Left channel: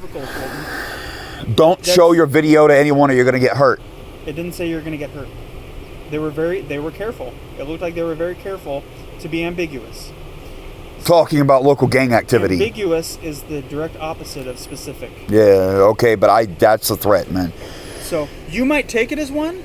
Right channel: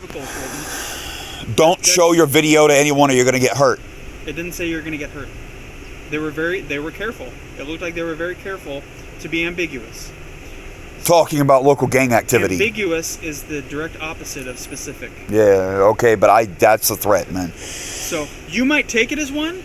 unequivocal, Colton. Don't show your video to anyone or you're going to get hurt. It didn't say you're going to get hurt. They were careful. It looked like they were very careful to be ambiguous. Talking about local gang activity. Ambiguous is the direct opposite of specific. Yeah, okay, but that's a threat, man. So you might take it as one,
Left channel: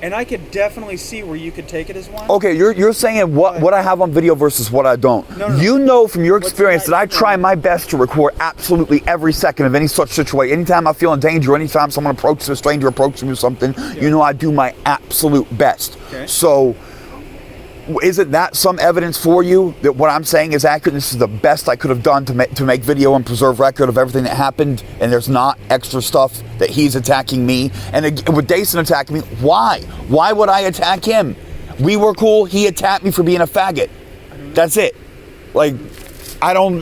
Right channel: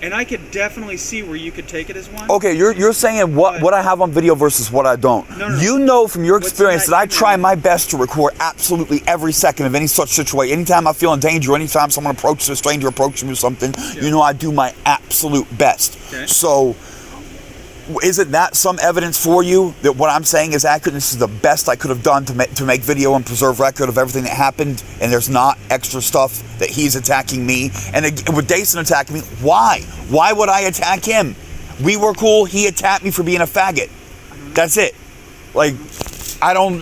and I could definitely see where you could take it as one. Okay, you're saying what I have on video versus what I don't. No. You know from your experience that I email? try my best to record absolutely every second of any such situation. Anytime I feel in danger, anytime someone approaches a stranger approaches me with something, you know I do my absolute best. Okay. So isn't that some evidence for you that what I'm saying is accurate? This is the best I could have done to make video and preserve record of everything that happened, and there's not extra stuff that he's attacking me. And with Dason attacking me, why? Why would I attack him? We were cool. He attacked me for being a faggot. That's it. And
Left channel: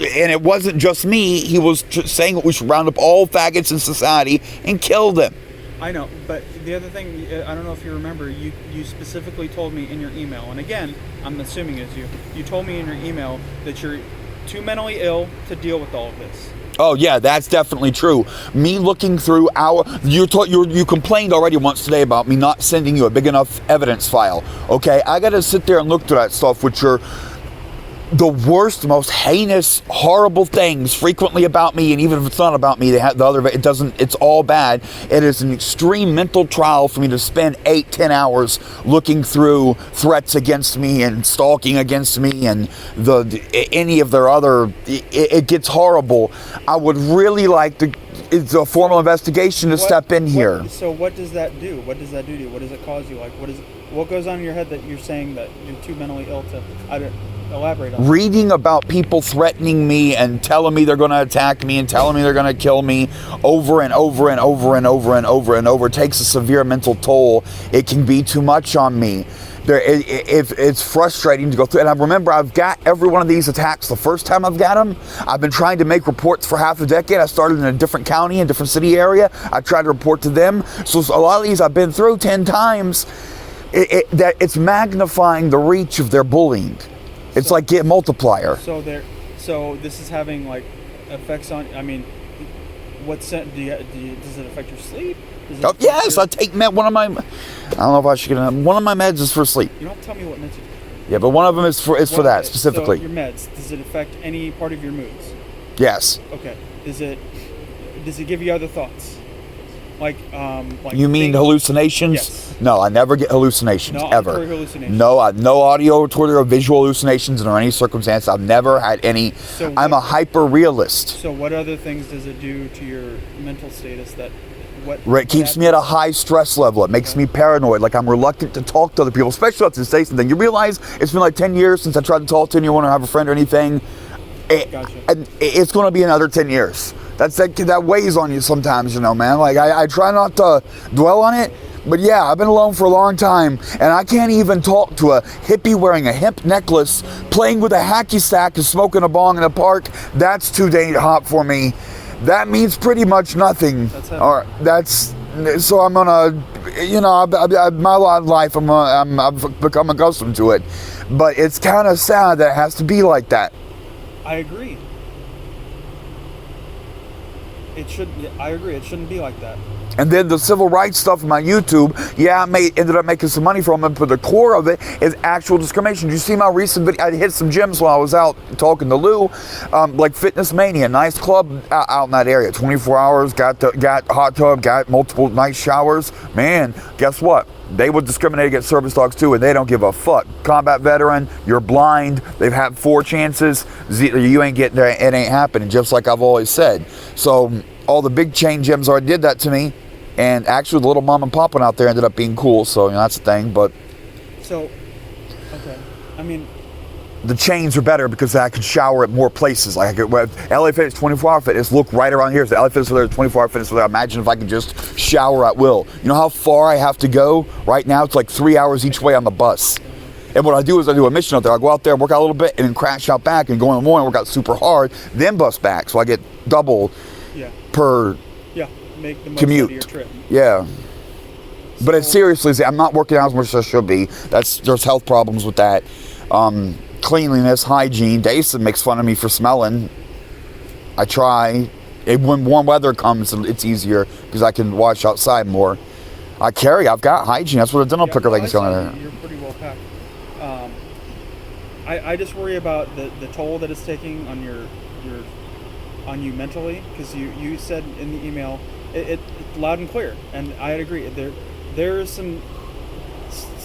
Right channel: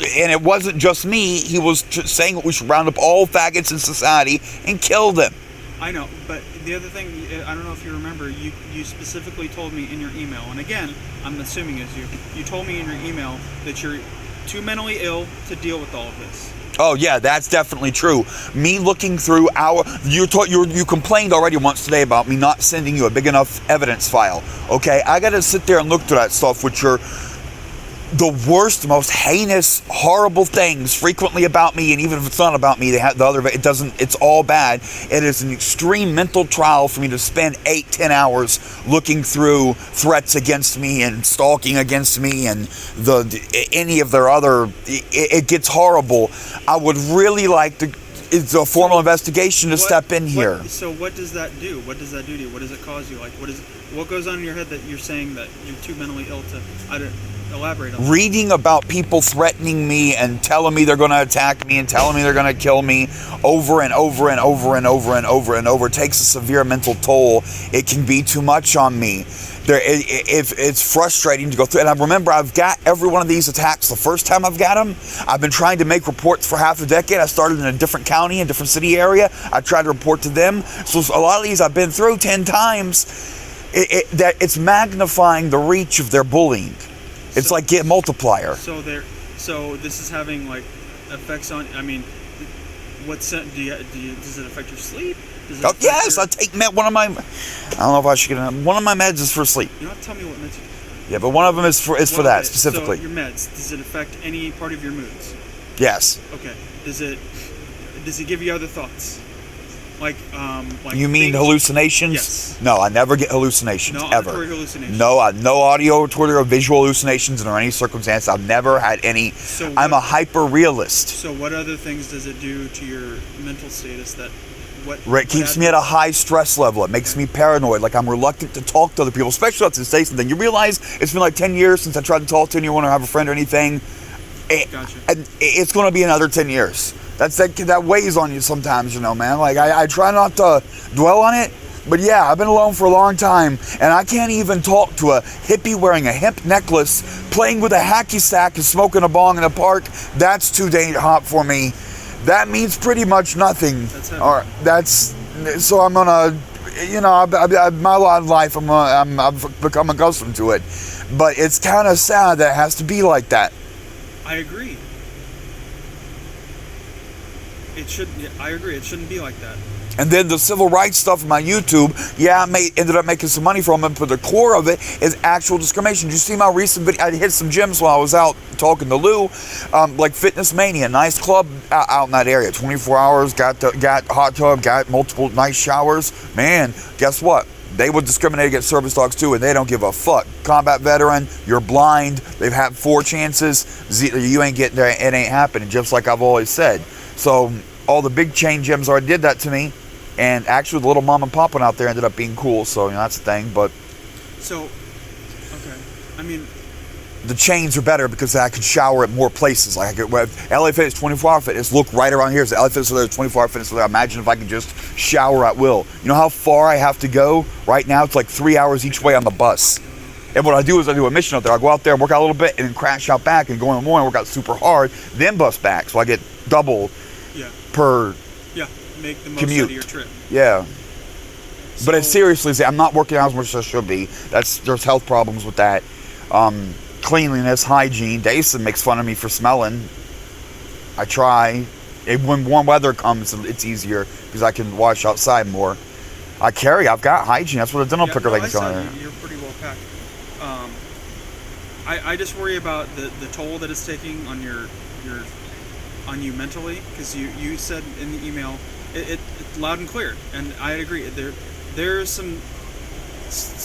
it wasn't just me. He was saying we should round up all faggots in society and kill them. I know, but the other thing, I don't know if you remember, you specifically told me in your email, and again, I'm assuming it's you told me in your email that you're too mentally ill to deal with all of this. Oh yeah, that's definitely true. Me looking through you complained already once today about me not sending you a big enough evidence file. Okay, I got to sit there and look through that stuff, which are the worst, most heinous, horrible things frequently about me, and even if it's not about me, it's all bad. It is an extreme mental trial for me to spend 8-10 hours looking through threats against me and stalking against me and any of their other, it gets horrible. I would really like to, it's a formal investigation to step in here. So what does that do? What does that do to you? What does it cause you? What goes on in your head that you're saying that you're too mentally ill to, elaborate on that? Reading about people threatening me and telling me they're going to attack me and telling me they're going to kill me over and over and over and over and over and over takes a severe mental toll. It can be too much on me. It's frustrating to go through. And I remember I've got every one of these attacks the first time I've got them. I've been trying to make reports for half a decade. I started in a different county, a different city area. I tried to report to them. So a lot of these I've been through 10 times. It's magnifying the reach of their bullying. It's like get multiplier. So this is having effects on. I mean, does it affect your sleep? Yes, I take one of my. I don't know if I should get one of my meds is for sleep. You don't have to tell me what meds you take. Yeah, but one of them is for that specifically. So your meds, does it affect any part of your moods? Yes. Okay. Does it give you other thoughts? You mean hallucinations? Yes. No, I never get hallucinations, no ever. Auditory hallucinations. No audio, Twitter, or visual hallucinations under any circumstance. I've never had any. I'm a hyper realist. So what other things does it do to your mental status It keeps me at a high stress level. It makes me paranoid. I'm reluctant to talk to other people, especially after say something. You realize it's been 10 years since I tried to talk to anyone or have a friend or anything. Gotcha. And it's going to be another 10 years. That weighs on you sometimes, man. I try not to dwell on it, but yeah, I've been alone for a long time, and I can't even talk to a hippie wearing a hemp necklace, playing with a hacky sack and smoking a bong in the park. That's too hot for me. That means pretty much nothing. All right, so I'm gonna, my lot of life, I've become accustomed to it, but it's kind of sad that it has to be like that. I agree. I agree. It shouldn't be like that. And then the civil rights stuff on my YouTube, I ended up making some money from it, but the core of it is actual discrimination. Did you see my recent video? I hit some gyms while I was out talking to Lou, Fitness Mania, nice club out in that area. 24 hours, got hot tub, got multiple nice showers. Man, guess what? They would discriminate against service dogs too, and they don't give a fuck. Combat veteran, you're blind, they've had 4 chances, you ain't getting there, it ain't happening, just like I've always said. So all the big chain gyms already did that to me, and actually the little mom and pop one out there ended up being cool, so that's the thing. But okay, I mean, the chains are better because I could shower at more places. LA Fitness, 24-hour fitness, look right around here. So LA Fitness, 24-hour fitness. Imagine if I could just shower at will. You know how far I have to go? Right now, it's 3 hours each way on the bus. And what I do is I do a mission out there. I go out there and work out a little bit and then crash out back and go in the morning, work out super hard, then bus back. So I get double per make the most commute. out of your trip. Yeah. But it's seriously, I'm not working out as much as I should be. There's health problems with that. Cleanliness, hygiene. Dason makes fun of me for smelling. I try. When warm weather comes, it's easier because I can wash outside more. I've got hygiene. That's what a dental picker thing is going. You're pretty well packed. I just worry about the toll that it's taking on on you mentally, because you said in the email it's loud and clear, and I agree. There's some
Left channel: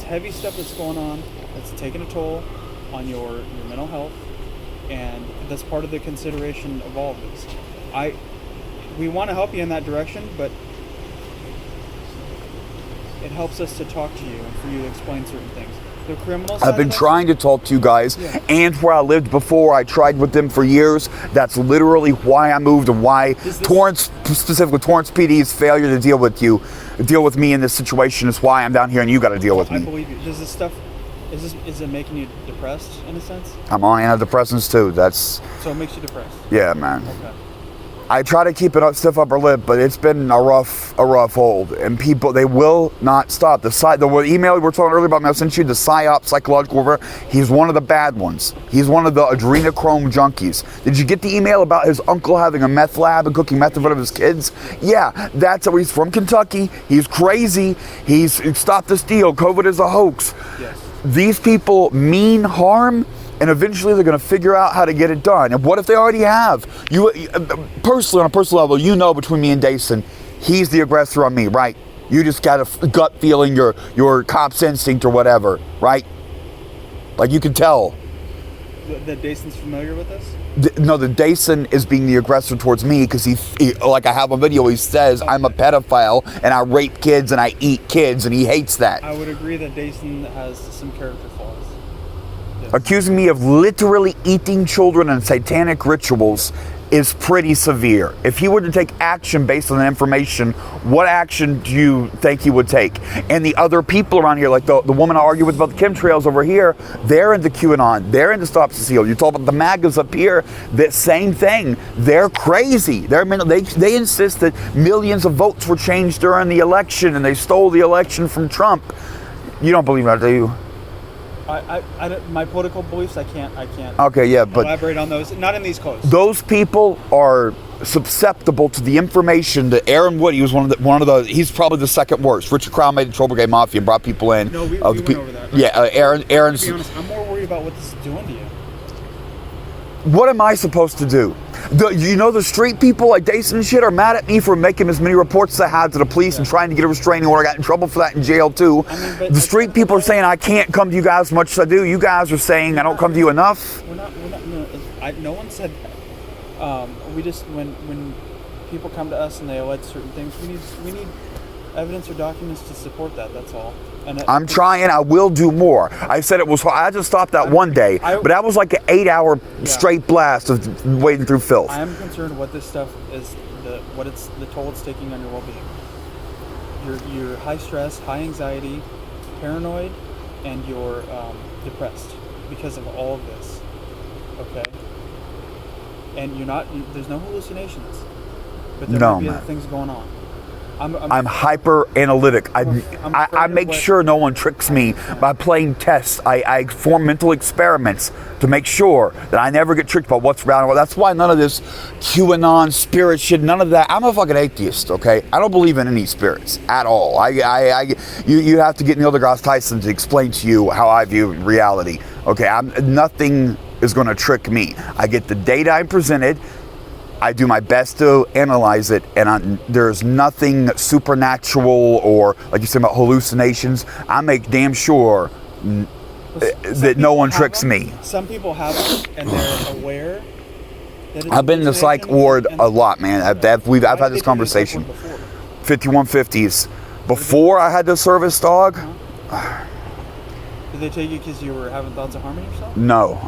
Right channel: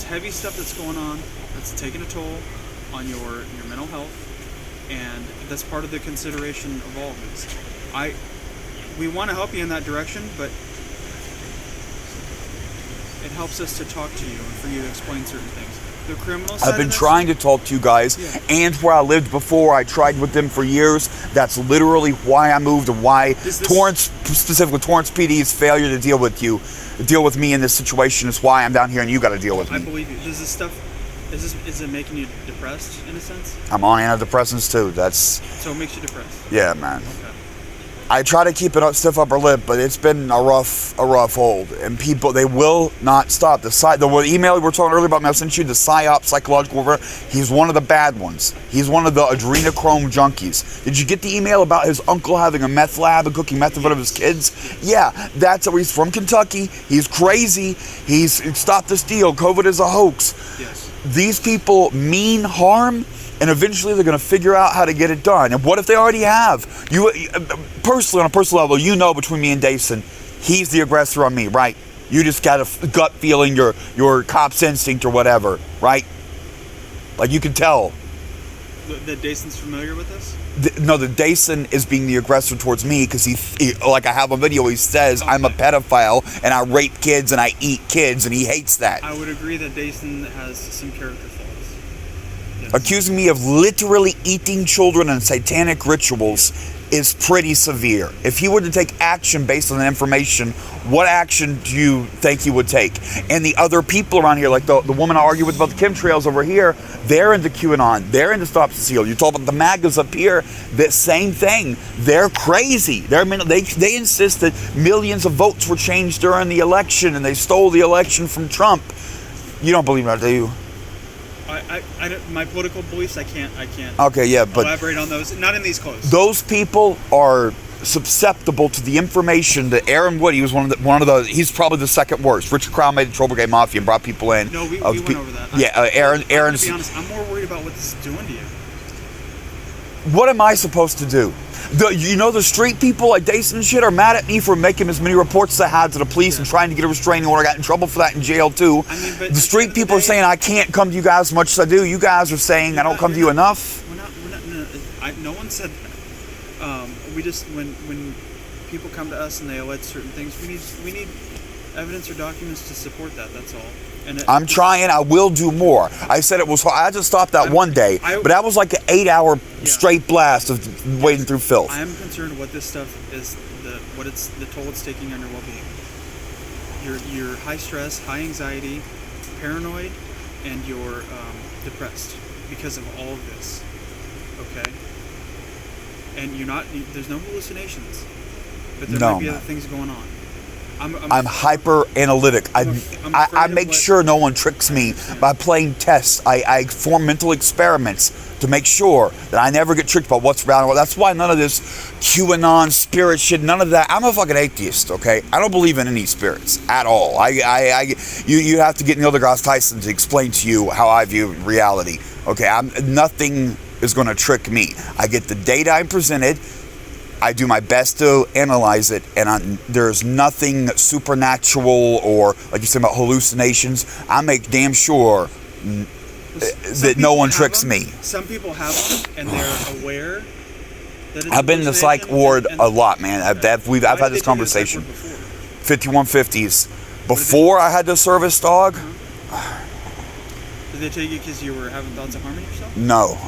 heavy stuff that's going on that's taking a toll on your mental health, and that's part of the consideration of all of this. We want to help you in that direction, but it helps us to talk to you and for you to explain certain things. The criminal side I've been trying to talk to you guys, and where I lived before, I tried with them for years. That's literally why I moved, and why Torrance, specifically Torrance PD's failure to deal with me in this situation is why I'm down here, and you got to deal with me. I believe you. Does this stuff, is it making you depressed in a sense? I'm on antidepressants too. So it makes you depressed. Yeah, man. Okay. I try to keep a stiff upper lip, but it's been a rough hold, and people, they will not stop. The email we were talking earlier about, I sent you, the PSYOP, psychological warfare, he's one of the bad ones. He's one of the adrenochrome junkies. Did you get the email about his uncle having a meth lab and cooking meth in front of his kids? Yeah, that's how he's from Kentucky. He's crazy. He's stopped this deal. COVID is a hoax. Yes. These people mean harm, and eventually they're going to figure out how to get it done. And what if they already have? You personally, on a personal level, between me and Dason, he's the aggressor on me, right? You just got a gut feeling, your cop's instinct or whatever, right? Like, you can tell. That Dason's familiar with this? No, the Dason is being the aggressor towards me because he, like I have on video, he says, okay, I'm a pedophile and I rape kids and I eat kids, and he hates that. I would agree that Dason has some character flaws. Yes. Accusing me of literally eating children and satanic rituals is pretty severe. If he were to take action based on the information, what action do you think he would take? And the other people around here, like the woman I argue with about the chemtrails over here, they're into QAnon, they're into Stop Cecile. You talk about the MAGAs up here, that same thing. They're crazy. They insist that millions of votes were changed during the election and they stole the election from Trump. You don't believe that, do you? My political beliefs, I can't. Okay, yeah, but elaborate on those. Not in these quotes. Those people are susceptible to the information that Aaron Wood. He was one of the. He's probably the second worst. Richard Crown made the Trouble Gay Mafia and brought people in. No, we went over that. Yeah, Aaron's. To be honest, I'm more worried about what this is doing to you. What am I supposed to do? The street people like Dason and shit are mad at me for making as many reports as I had to the police and trying to get a restraining order. I got in trouble for that in jail too. But the street people are saying I can't come to you guys as much as I do. You guys are saying I don't come to you enough. We're not. No one said that. We just when people come to us and they allege certain things, we need evidence or documents to support that. That's all. And I'm trying. I will do more. I said it was hard. I had to stop that one day, but that was like an 8-hour straight blast of wading through filth. I am concerned what this stuff is, the toll it's taking on your well-being. You're high stress, high anxiety, paranoid, and you're depressed because of all of this. Okay, and there's no hallucinations, but there might be other things going on. I'm hyper analytic. I make sure no one tricks me by playing tests. I form mental experiments to make sure that I never get tricked by what's around. That's why none of this QAnon spirit shit, none of that. I'm a fucking atheist, okay? I don't believe in any spirits at all. You have to get Neil deGrasse Tyson to explain to you how I view reality, okay? Nothing is going to trick me. I get the data I presented. I do my best to analyze it, and there's nothing supernatural or, like you said, about hallucinations. I make damn sure that no one tricks me. Some people have them, and they're aware that it's I've been in the psych ward a lot, man. I've had this conversation. 5150s. Before I had the service dog. Did they take you because you were having thoughts of harming yourself? No.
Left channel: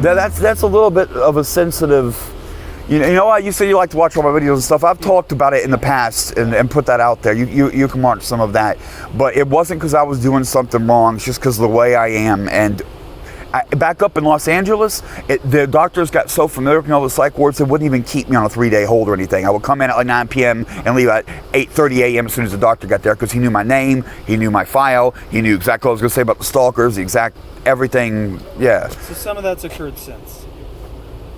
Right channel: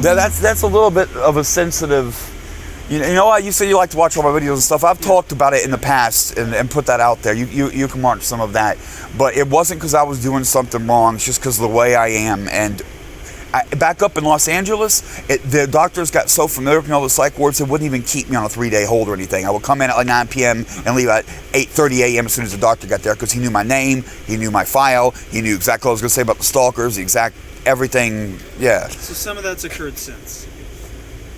That's a little bit of a sensitive. You know what? You say you like to watch all my videos and stuff. I've talked about it in the past and put that out there. You can watch some of that, but it wasn't because I was doing something wrong. It's just because of the way I am. And back up in Los Angeles, the doctors got so familiar with me, all the psych wards, they wouldn't even keep me on a 3-day hold or anything. I would come in at like 9 p.m. and leave at 8:30 a.m. as soon as the doctor got there, because he knew my name, he knew my file, he knew exactly what I was going to say about the stalkers, the exact everything. Yeah. So some of that's occurred since.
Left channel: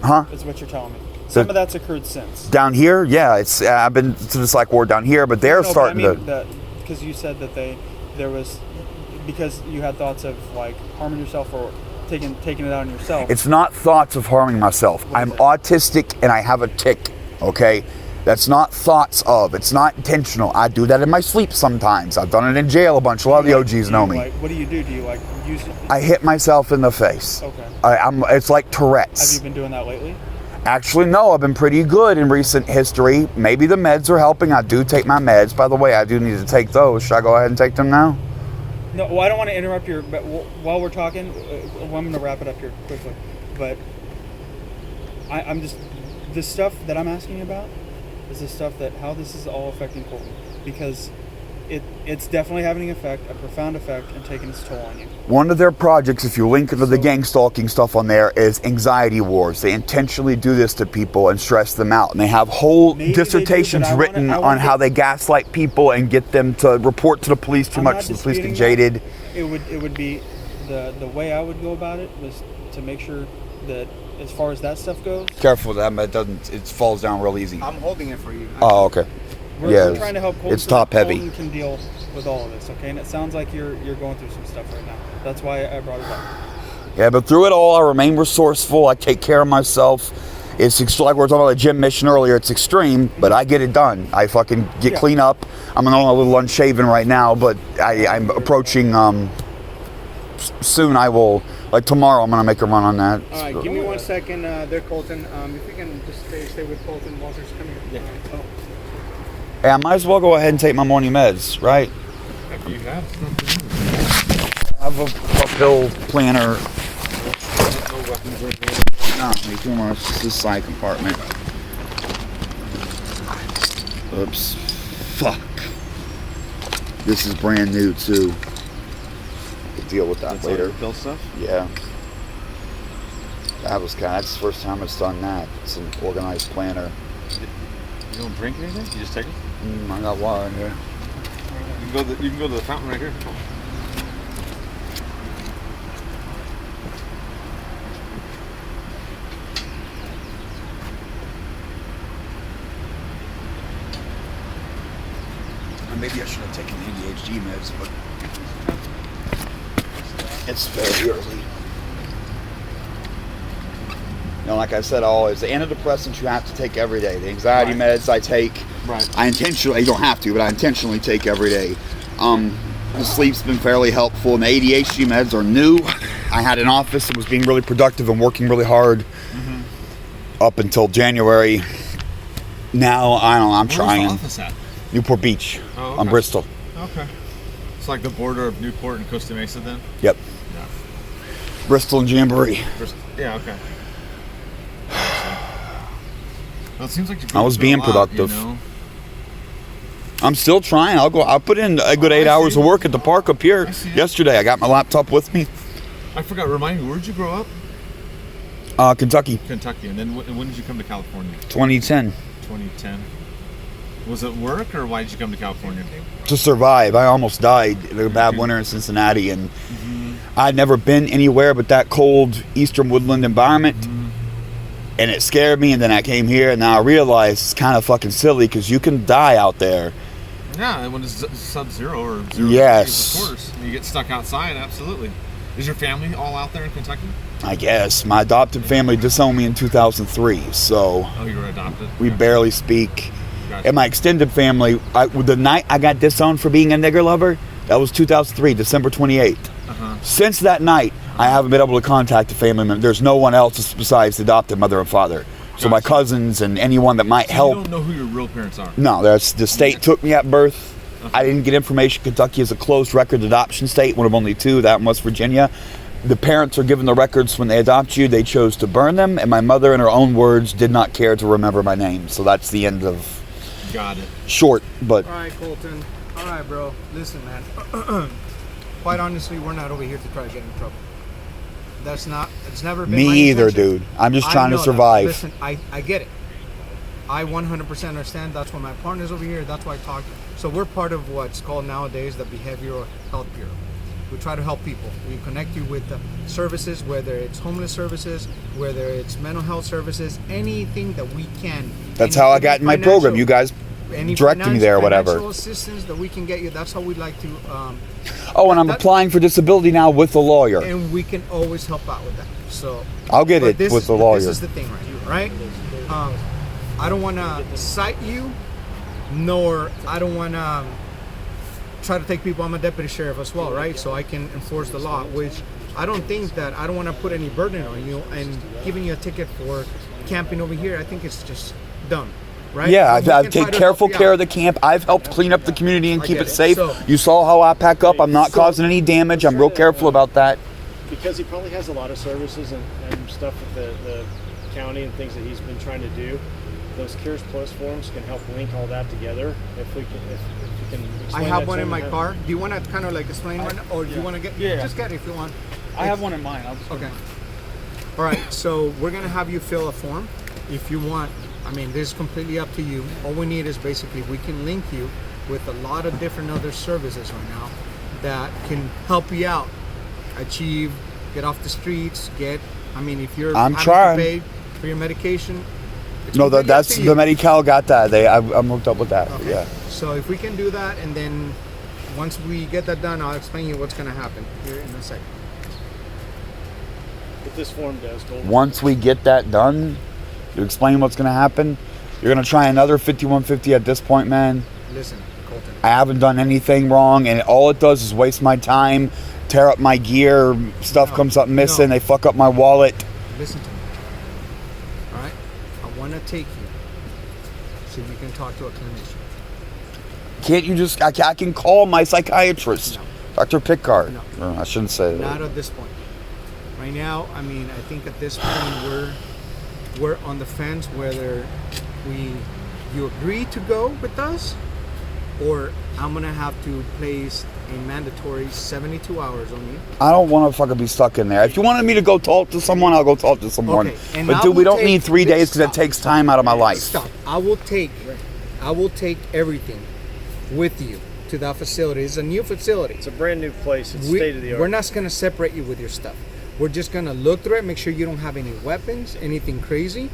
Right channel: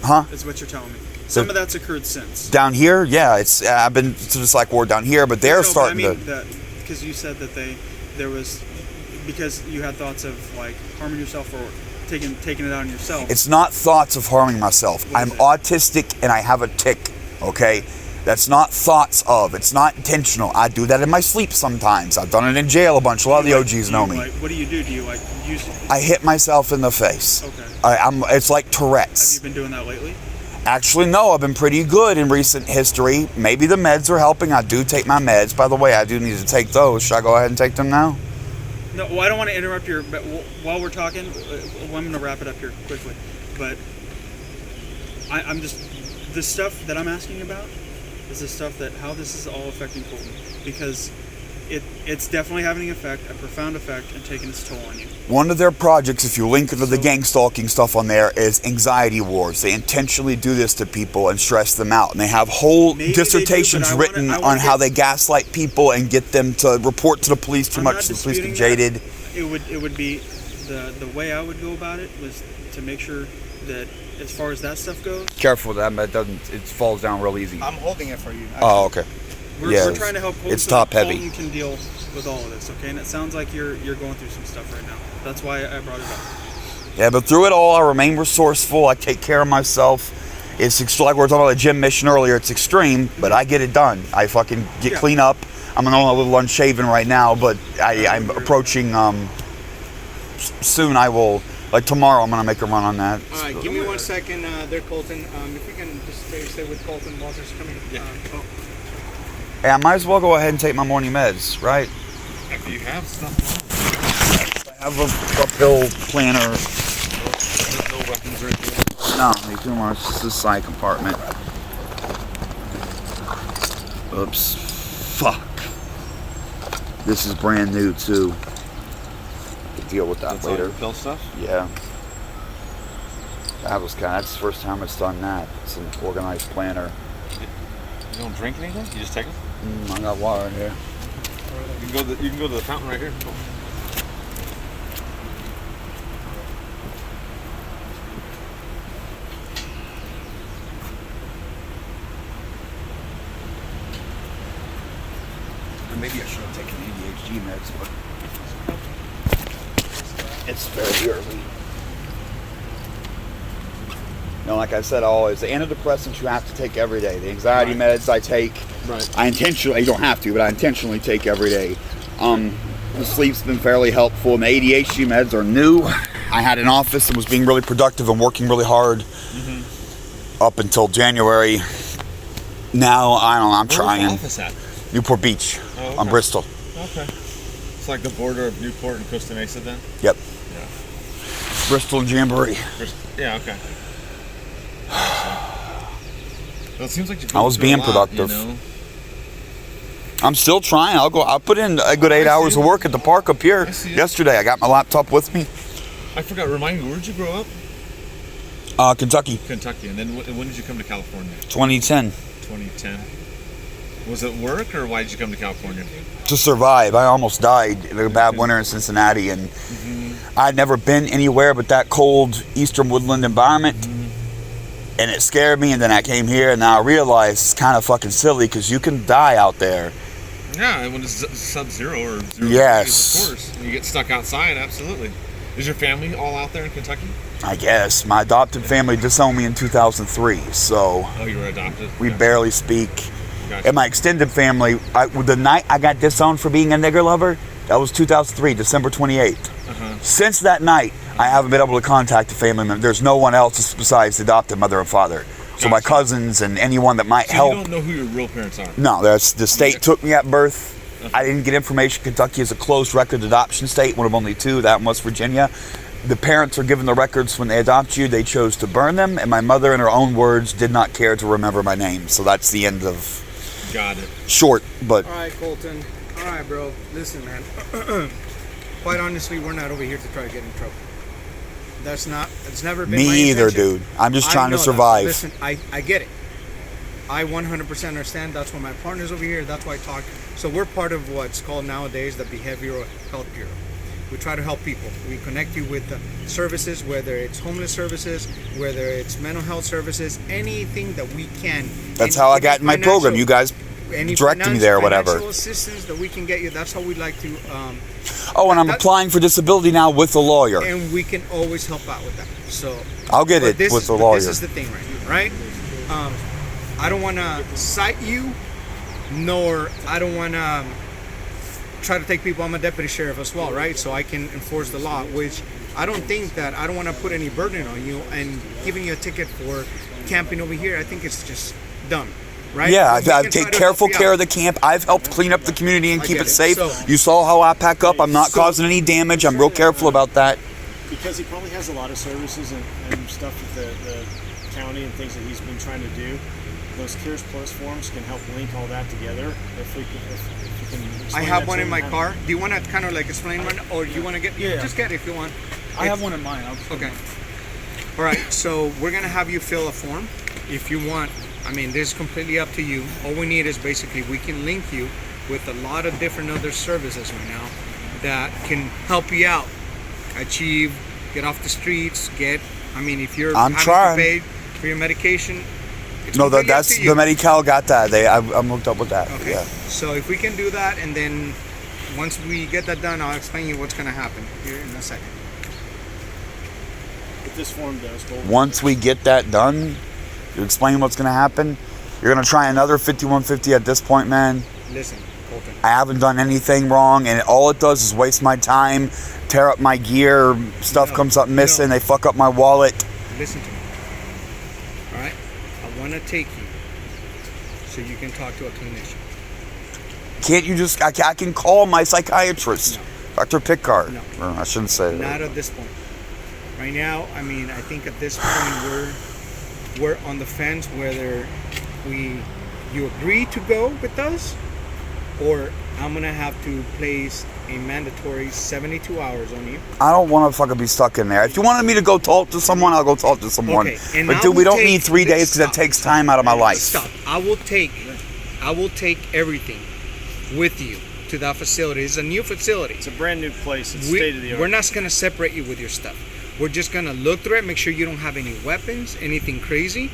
Huh? Is what you're telling me. Some of that's occurred since. Down here, yeah, it's I've been to the psych ward down here, but they're starting to. Because you said that there was because you had thoughts of like harming yourself or taking it out on yourself. It's not thoughts of harming myself. I'm autistic and I have a tic. Okay, that's not thoughts of. It's not intentional. I do that in my sleep sometimes. I've done it in jail a bunch. A lot of the OGs know me. What do you do? Do you like use it? I hit myself in the face. Okay. It's like Tourette's. Have you been doing that lately? Actually, no. I've been pretty good in recent history. Maybe the meds are helping. I do take my meds. By the way, I do need to take those. Should I go ahead and take them now? No, well, I don't want to interrupt your. But while we're talking, I'm going to wrap it up here quickly. But I'm just the stuff that I'm asking about is the stuff that how this is all affecting Colton, because it's definitely having an effect, a profound effect, and taking its toll on you. One of their projects, if you link to the gang stalking stuff on there, is anxiety wars. They intentionally do this to people and stress them out. And they have whole dissertations written on how they gaslight people and get them to report to the police too much. The police get jaded. It would be the way I would go about it was to make sure that as far as that stuff goes. Careful that it falls down real easy. I'm holding it for you. Oh, okay. We're trying to help Colton. It's top heavy. Colton can deal with all of this, okay? And it sounds like you're going through some stuff right now. That's why I brought it up. Yeah, but through it all, I remain resourceful. I take care of myself. It's like we were talking about the gym mission earlier. It's extreme, but I get it done. I fucking get clean up. I'm a little unshaven right now, but I'm approaching. Soon I will. Like tomorrow, I'm gonna make a run on that. All right, give me 1 second. There, Colton. If we can just stay with Colton while there's coming. Hey, I might as well go ahead and take my morning meds, right? If you have stuff. I have a pill planner. No weapons or anything. No, too much. This is the side compartment. Oops. Fuck. This is brand new too. We'll deal with that later. Pill stuff? Yeah. That's the first time it's done that. It's an organized planner. You don't drink anything? You just take it? I got water in here. You can go to the fountain right here. Maybe I should have taken ADHD meds, but it's very early. Like I said, always the antidepressants you have to take every day. The anxiety meds I take. Right. You don't have to, but I intentionally take every day. The sleep's been fairly helpful, and the ADHD meds are new. I had an office and was being really productive and working really hard up until January. Now I'm trying. Where's the office at? Newport Beach, on Bristol. Okay. It's like the border of Newport and Costa Mesa then? Yep. Yeah. Bristol and Jamboree. Yeah, okay. Well, it seems like I was being productive. I'm still trying. I'll put in a good 8 hours of work at the park up here. Yesterday, I got my laptop with me. I forgot. Remind me, where did you grow up? Kentucky. Kentucky. And then when did you come to California? 2010. 2010. Was it work, or why did you come to California? To survive. I almost died in a bad winter in Cincinnati, and I'd never been anywhere but that cold eastern woodland environment, and it scared me. And then I came here, and now I realized it's kind of fucking silly because you can die out there. Yeah, when it's sub-zero or 0 yes, degrees, of course. And you get stuck outside, absolutely. Is your family all out there in Kentucky? I guess. My adopted family disowned me in 2003, so... Oh, you were adopted? We barely speak. Gotcha. And my extended family, the night I got disowned for being a nigger lover, that was 2003, December 28th. Since that night, I haven't been able to contact a family member. There's no one else besides the adopted mother and father. So my cousins and anyone that might help. You don't know who your real parents are? No, that's the state took me at birth. I didn't get information. Kentucky is a closed record adoption state, one of only two, that and West Virginia. The parents are given the records when they adopt you. They chose to burn them, and my mother, in her own words, did not care to remember my name. So that's the end of... Got it. Short, but... All right, Colton. All right, bro. Listen, man. Quite honestly, we're not over here to try to get in trouble. That's not... It's never been my Me either, intention. dude. I'm just trying to survive. Listen, I get it. I 100% understand. That's why my partner's over here. That's why I talk. So we're part of what's called nowadays the Behavioral Health Bureau. We try to help people. We connect you with the services, whether it's homeless services, whether it's mental health services, anything that we can. That's how I got in my program. You guys directed me there or whatever. Financial assistance that we can get you. That's how we like to. And I'm applying for disability now with a lawyer. And we can always help out with that. So I'll get it with the lawyer. This is the thing right here, right? I don't want to cite you, nor I don't want to try to take people. I'm a deputy sheriff as well, right? So I can enforce the law, which I don't think that I don't want to put any burden on you and giving you a ticket for camping over here. I think it's just dumb. Right? Yeah, I take careful care of the camp. I've helped clean up the community and keep it safe. So, you saw how I pack up. I'm not causing any damage. I'm real careful about that. Because he probably has a lot of services and stuff with the county and things that he's been trying to do. Those Cares Plus forms can help link all that together. If you can I have one in my car. Do you want to kind of like explain one, or do you want to get? Yeah. Just get it if you want. I have one in mine. Okay. All right. So we're gonna have you fill a form, if you want. I mean, this is completely up to you. All we need is basically we can link you with a lot of different other services right now that can help you out, achieve, get off the streets, if you're I'm having trying. to pay for your medication. It's No, completely up that's to the you. Medi-Cal got that. I'm hooked up with that. Okay. Yeah. So if we can do that, and then once we get that done, I'll explain you what's going to happen here in a second. what this form does. Once we get that done, you explain what's going to happen. You're going to try another 5150 at this point, man. Listen, Colton. I haven't done anything wrong, and all it does is waste my time, tear up my gear, stuff comes up missing, they fuck up my wallet. Listen to me. All right? I want to take you so you can talk to a clinician. Can't you just, I can call my psychiatrist, No. Dr. Pickard. No. Or I shouldn't say Not that. at this point. Right now, I think at this point we're on the fence whether you agree to go with us, or I'm gonna have to place a mandatory 72 hours on you. I don't want to fucking be stuck in there. If you wanted me to go talk to someone, I'll go talk to someone. Okay, and But I dude, we will don't take- need 3 days because that stop. takes time out of my life. Stop. I will take everything with you to that facility. It's a new facility. It's a brand new place. It's state of the art. We're not going to separate you with your stuff. We're just going to look through it, make sure you don't have any weapons, anything crazy,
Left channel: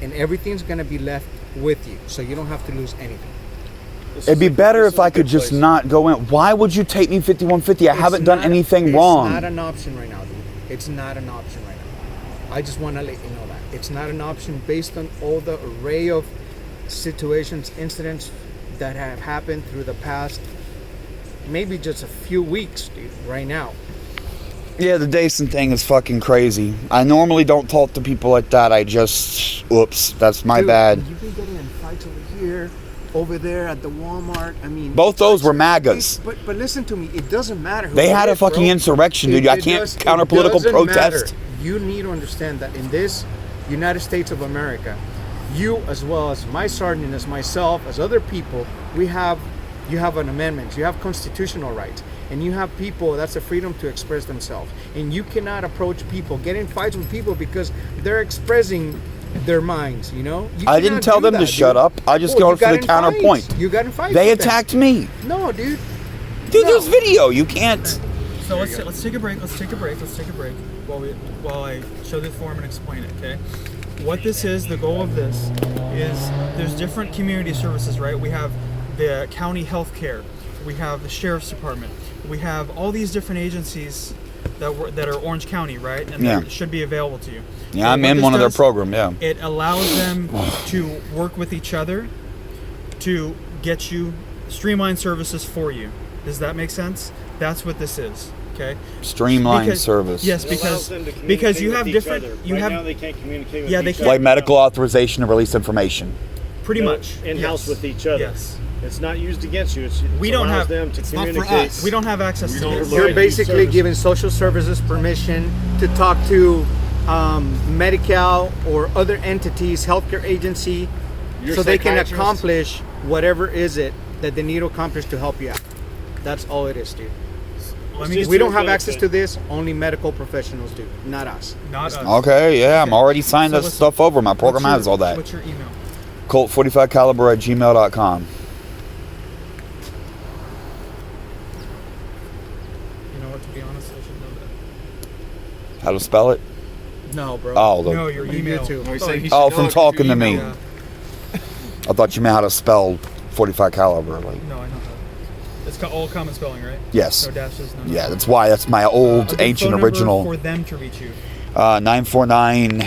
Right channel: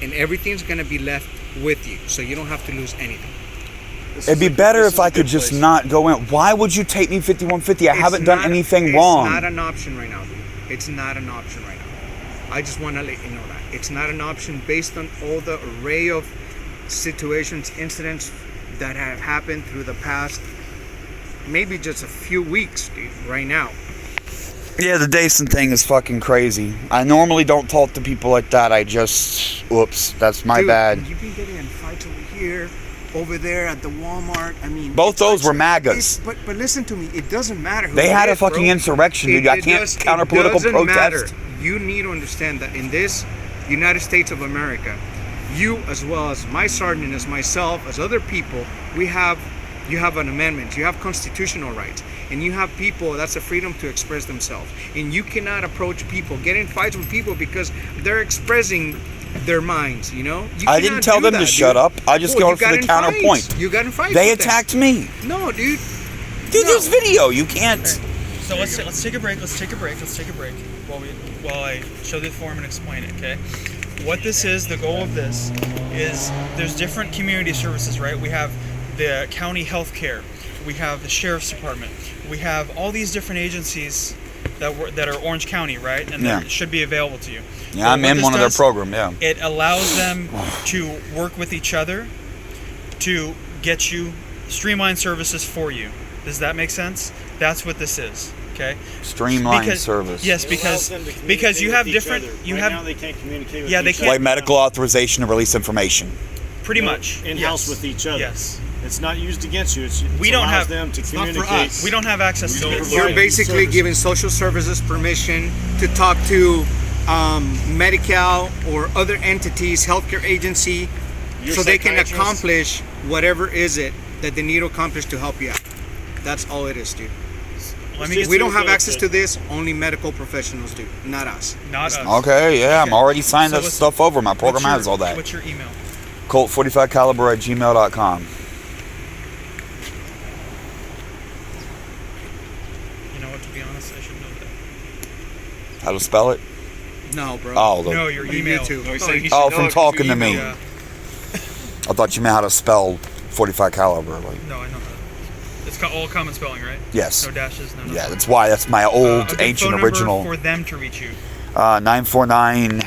and everything's going to be left with you, so you don't have to lose anything. It'd be better if I could just not go in. Why would you take me 5150? I haven't done anything wrong. It's not an option right now, dude. It's not an option right now. I just want to let you know that. It's not an option based on all the array of situations, incidents that have happened through the past maybe just a few weeks, dude, right now. Yeah, the Dason thing is fucking crazy. I normally don't talk to people like that. Oops, that's my Dude, bad. You've been getting in fights over here, over there at the Walmart. Both those were MAGAs. But listen to me, it doesn't matter who They it had a is, bro. fucking insurrection, dude. I can't counter political doesn't protest. matter. You need to understand that in this United States of America, you as well as my sergeant, as myself, as other people, you have an amendment, you have constitutional rights, and you have people, that's a freedom to express themselves. And you cannot approach people, get in fights with people because they're expressing their minds, you know? I didn't tell them to shut up. I just go for the counterpoint. You got in fights They with them. attacked me. No, dude. Dude, No. this video, you can't. So let's take a break. Let's take a break while I show the form and explain it. Okay. What this is, the goal of this is there's different community services, right? We have the county health care, we have the sheriff's department, we have all these different agencies that are Orange County, right? And that should be available to you. Yeah, I'm in one of their program, yeah. It allows them to work with each other to get you streamlined services for you. Does that make sense? That's what this is. Okay. Streamlined service. Yes, It allows them to because you communicate have with different. each other. You Right have now they can't communicate with Yeah, they each can't. Like medical authorization to release information. pretty They're much in-house yes. with each other. Yes. It's not used against you. We don't allows have- them to it's not for communicate. us. We don't have access to this. You're Right. basically Service. giving social services permission to talk to Medi-Cal or other entities, healthcare agency, Your so they can psychiatrist. accomplish whatever is it that they need to accomplish to help you out. That's all it is, dude. Let me Just We don't to have get access it. to this. Only medical professionals do, not us. not us. Okay, yeah, I'm already signing So that what's- stuff over. My program has all that. What's your email? Colt45caliber@gmail.com. You know what, to be How to spell it? No, bro. Oh, No, your email. YouTube. No, he's saying he Oh, should from know it 'cause talking you to me. emailed him. I thought you meant how to spell 45 caliber. Like, No, I know how. It's all common spelling, right? yes. No dashes, no. Yeah, that's why. That's my old, a good ancient, phone number original. for them to reach you. 949